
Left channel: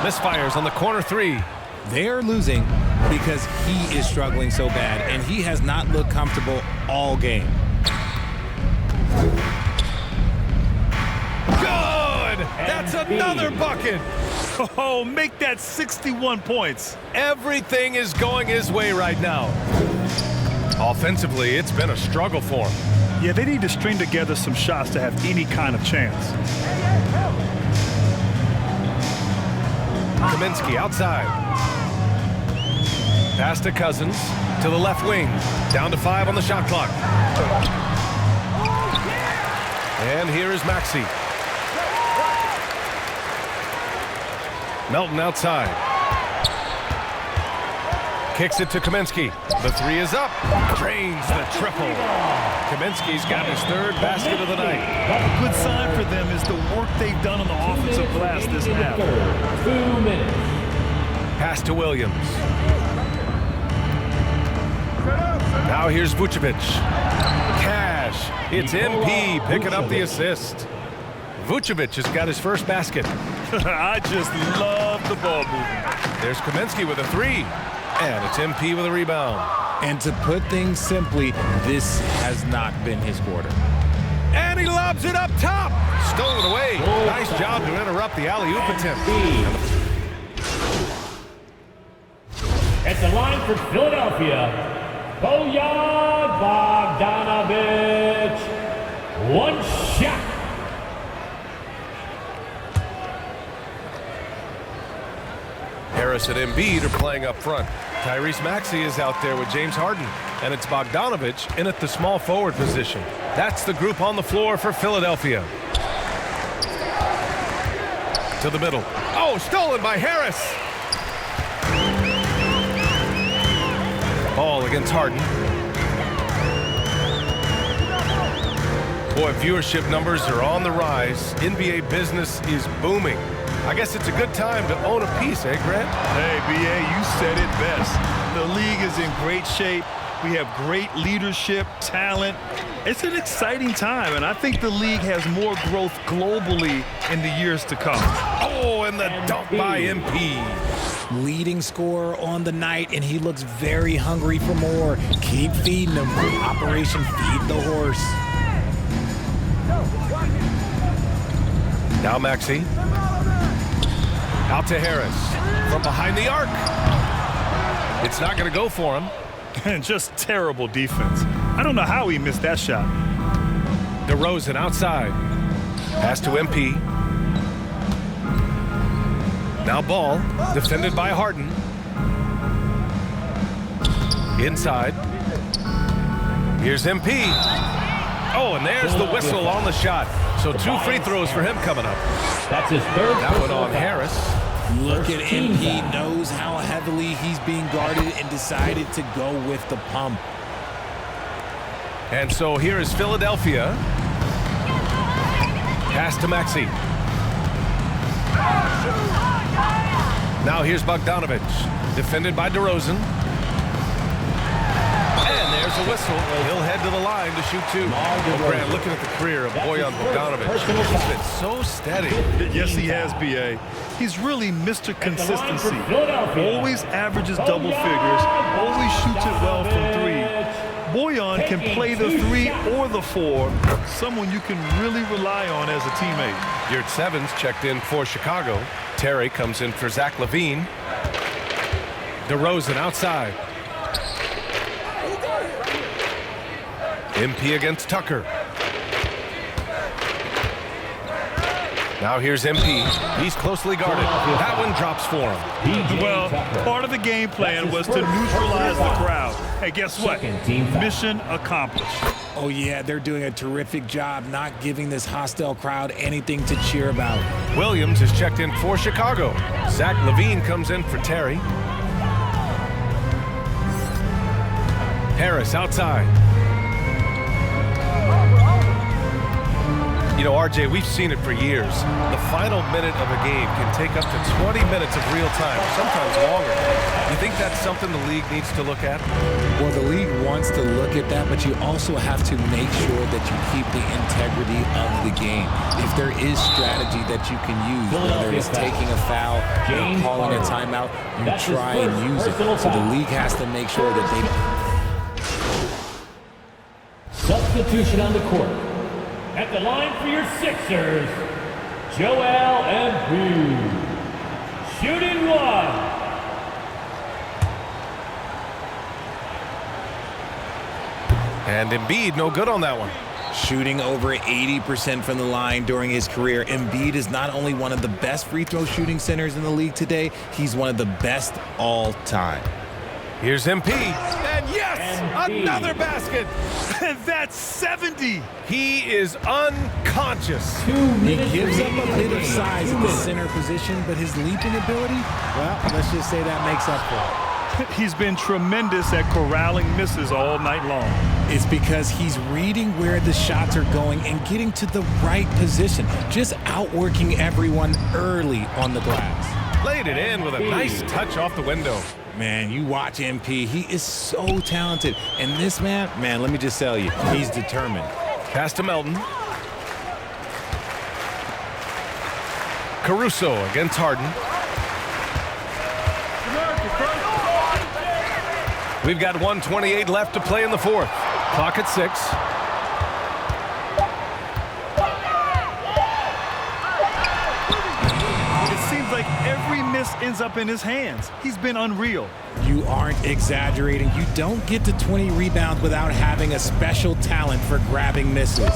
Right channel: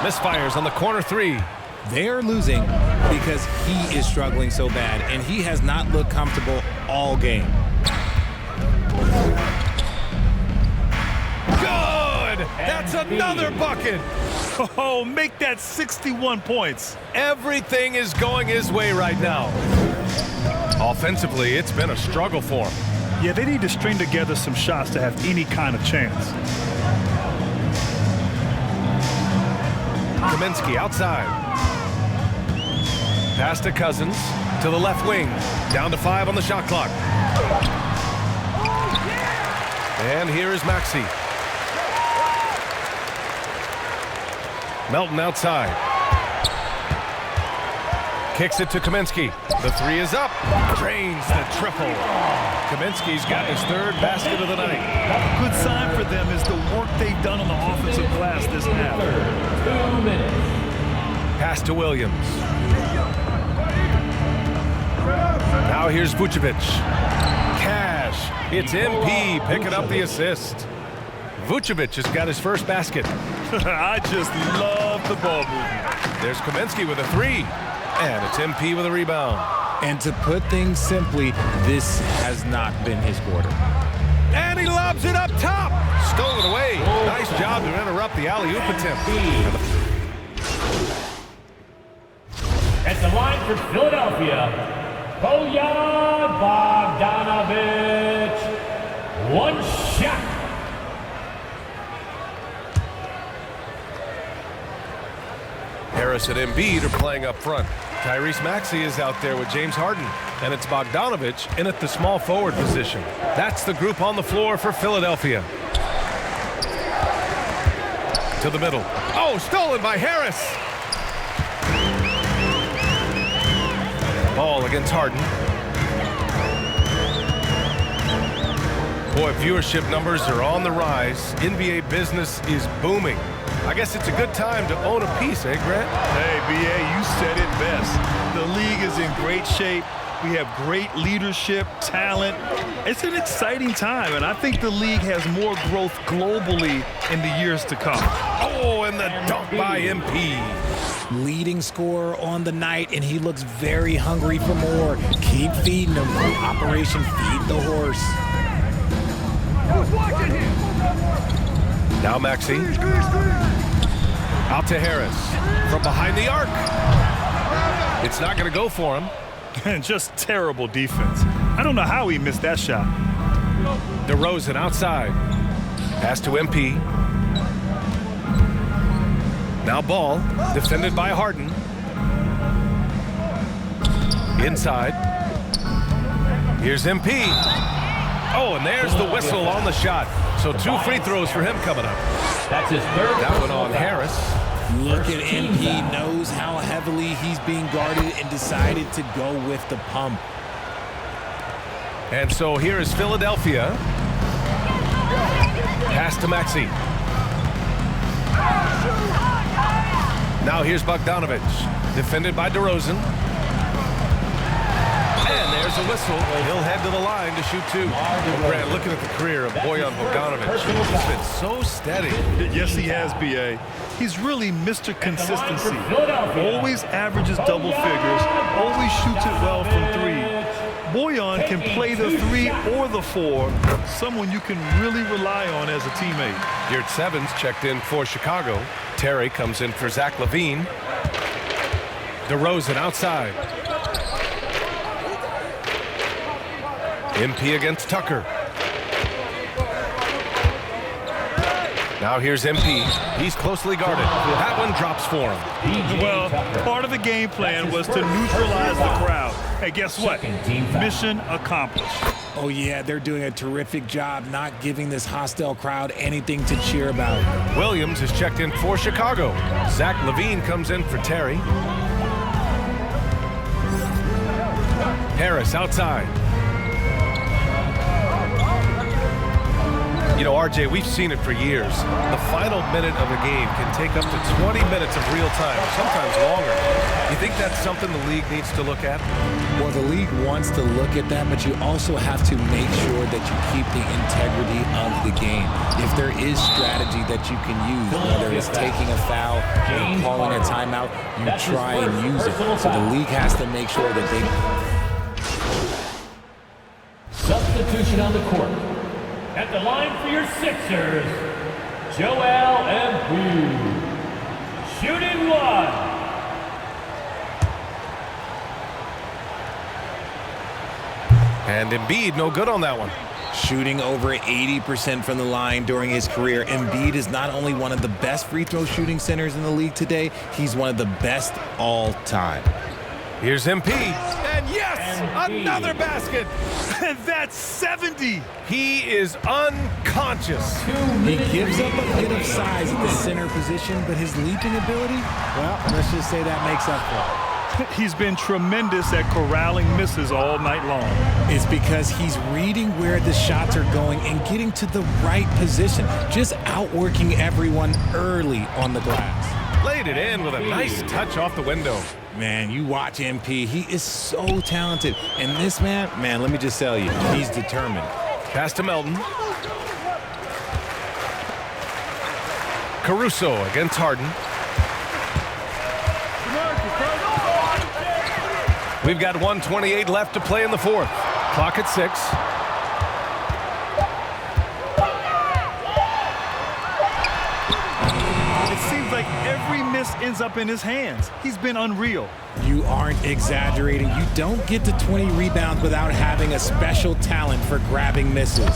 Misfires on the corner 3. They are losing because he is struggling so bad, and he has not looked comfortable all game. Good! That's another bucket! Oh, make that 61 points. Everything is going his way right now. Offensively, it's been a struggle for him. Yeah, they need to string together some shots to have any kind of chance. Kaminsky outside. Pass to Cousins. To the left wing. Down to 5 on the shot clock. And here is Maxey. Melton outside. Kicks it to Kaminsky. The 3 is up. Drains the triple. Kaminsky's got his 3rd basket of the night. A good sign for them is the work they've done on the offensive glass this half. 2 minutes. Pass to Williams. Now here's Vucevic. Cash. It's MP picking up the assist. Vucevic has got his first basket. I just love the ball movement. There's Kaminsky with a 3. And it's MP with a rebound. And to put things simply, this has not been his quarter. And he lobs it up top. Stolen away. Nice job to interrupt the alley-oop attempt. At the line for Philadelphia, Bojan Bogdanovic. 1 shot. Harris and Embiid are playing up front. Tyrese Maxey is out there with James Harden. And it's Bogdanovic in at the small forward position. That's the group on the floor for Philadelphia. To the middle. Oh, stolen by Harris. Ball against Harden. Boy, viewership numbers are on the rise. NBA business is booming. I guess it's a good time to own a piece, eh, Grant? Hey, BA, you said it best. The league is in great shape. We have great leadership, talent. It's an exciting time, and I think the league has more growth globally in the years to come. Oh, and the dunk by MP. Leading scorer on the night, and he looks very hungry for more. Keep feeding him. Operation Feed the Horse. Now Maxey. Out to Harris. From behind the arc. It's not going to go for him. And just terrible defense. I don't know how he missed that shot. DeRozan outside. Pass to MP. Now ball, defended by Harden. Inside. Here's MP. Oh, and there's the whistle on the shot. So 2 free throws for him coming up. That's his third. That one on Harris. Look at MP, knows how heavily he's being guarded and decided to go with the pump. And so here is Philadelphia. Pass to Maxey. Now here's Bogdanovich, defended by DeRozan. And there's a whistle. He'll head to the line to shoot 2. Well, Grant, looking at the career of Bojan Bogdanovich, he's been so steady. Yes, he has, B.A. He's really Mr. Consistency. Always averages double figures, always shoots it well from 3. Bojan can play the 3 or the 4, someone you can really rely on as a teammate. Yurt Sevens checked in for Chicago. Terry comes in for Zach LaVine. DeRozan outside. MP against Tucker. Now here's MP. He's closely guarded. That one drops for him. Well, part of the game plan was to neutralize the crowd. Hey, guess what? Mission accomplished. Oh yeah, they're doing a terrific job not giving this hostile crowd anything to cheer about. Williams is checked in for Chicago. Zach LaVine comes in for Terry. Harris outside. You know, RJ, we've seen it for years. The final minute of a game can take up to 20 minutes of real time, or sometimes longer. You think that's something the league needs to look at? Well, the league wants to look at that, but you also have to make sure that you keep the integrity of the game. If there is strategy that you can use, whether it's taking a foul or calling a timeout, you try and use it. So the league has to make sure that they... Substitution on the court. At the line for your Sixers, Joel Embiid. Shooting 1. And Embiid no good on that one. Shooting over 80% from the line during his career, Embiid is not only one of the best free throw shooting centers in the league today, he's one of the best all time. Here's MP. And yes, another basket. And that's 70. He is unconscious. He gives up a bit of size at the center position, but his leaping ability, well, let's just say that makes up for it. He's been tremendous at corralling misses all night long. It's because he's reading where the shots are going and getting to the right position, just outworking everyone early on the glass. Laid it in with a nice touch off the window. Man, you watch MP, he is so talented. And this man, let me just tell you, he's determined. Pass to Melton. Caruso against Harden. We've got 1:28 left to play in the fourth. Clock at 6. It seems like every miss ends up in his hands. He's been unreal. You aren't exaggerating. You don't get to 20 rebounds without having a special talent for grabbing misses.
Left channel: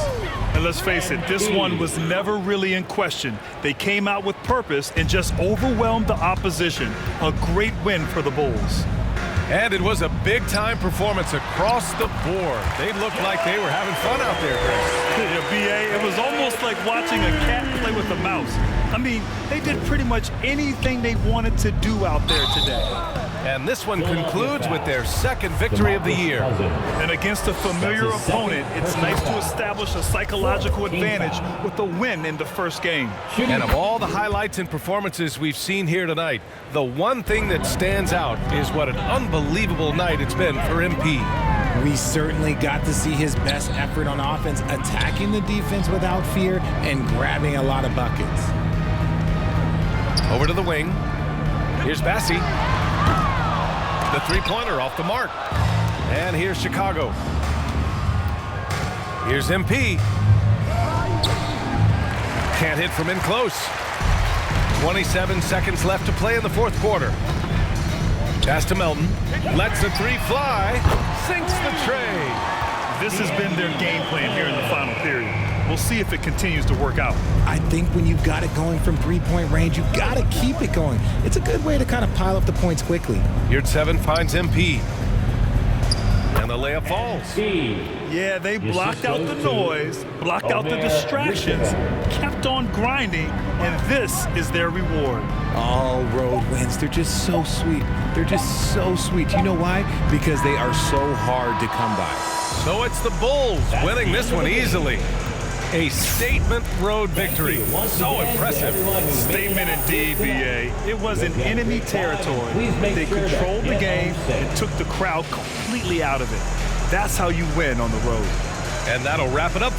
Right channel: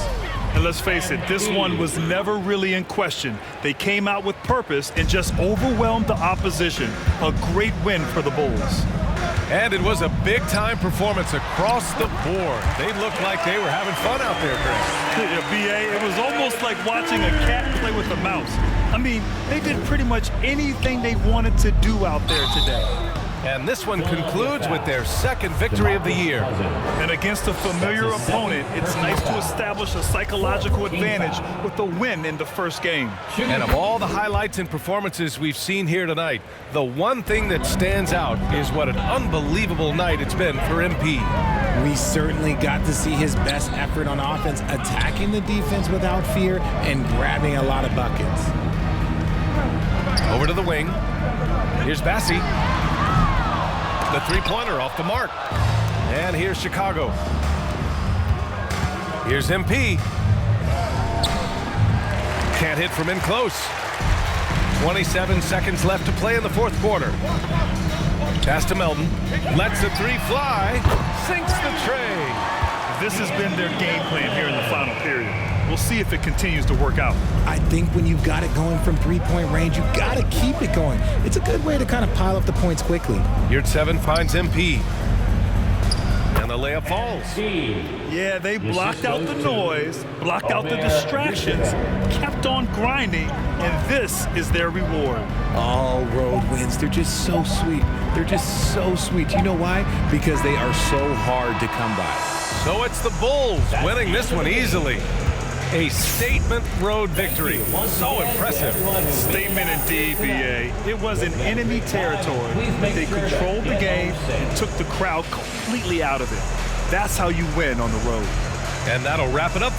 And let's face it, this one was never really in question. They came out with purpose and just overwhelmed the opposition. A great win for the Bulls. And it was a big-time performance across the board. They looked like they were having fun out there, Grant. Yeah, B.A., it was almost like watching a cat play with a mouse. I mean, they did pretty much anything they wanted to do out there today. And this one concludes with their second victory of the year. And against a familiar opponent, it's nice to establish a psychological advantage with a win in the first game. And of all the highlights and performances we've seen here tonight, the one thing that stands out is what an unbelievable night it's been for MP. We certainly got to see his best effort on offense, attacking the defense without fear and grabbing a lot of buckets. Over to the wing. Here's Bassey. The three-pointer off the mark. And here's Chicago. Here's MP. Can't hit from in close. 27 seconds left to play in the fourth quarter. Pass to Melton. Lets the three fly. Sinks the tray. This has been their game plan here in the final period. We'll see if it continues to work out. I think when you've got it going from three-point range, you got to keep it going. It's a good way to kind of pile up the points quickly. Yard 7 finds MP. And the layup falls. Yeah, they blocked out the noise, blocked out the distractions, kept on grinding, and this is their reward. All road wins, they're just so sweet. They're just so sweet. You know why? Because they are so hard to come by. So it's the Bulls winning this one easily. A statement road victory. So impressive. Statement indeed, BA. It was in enemy territory, but they controlled the game and took the crowd completely out of it. That's how you win on the road. And that'll wrap it up.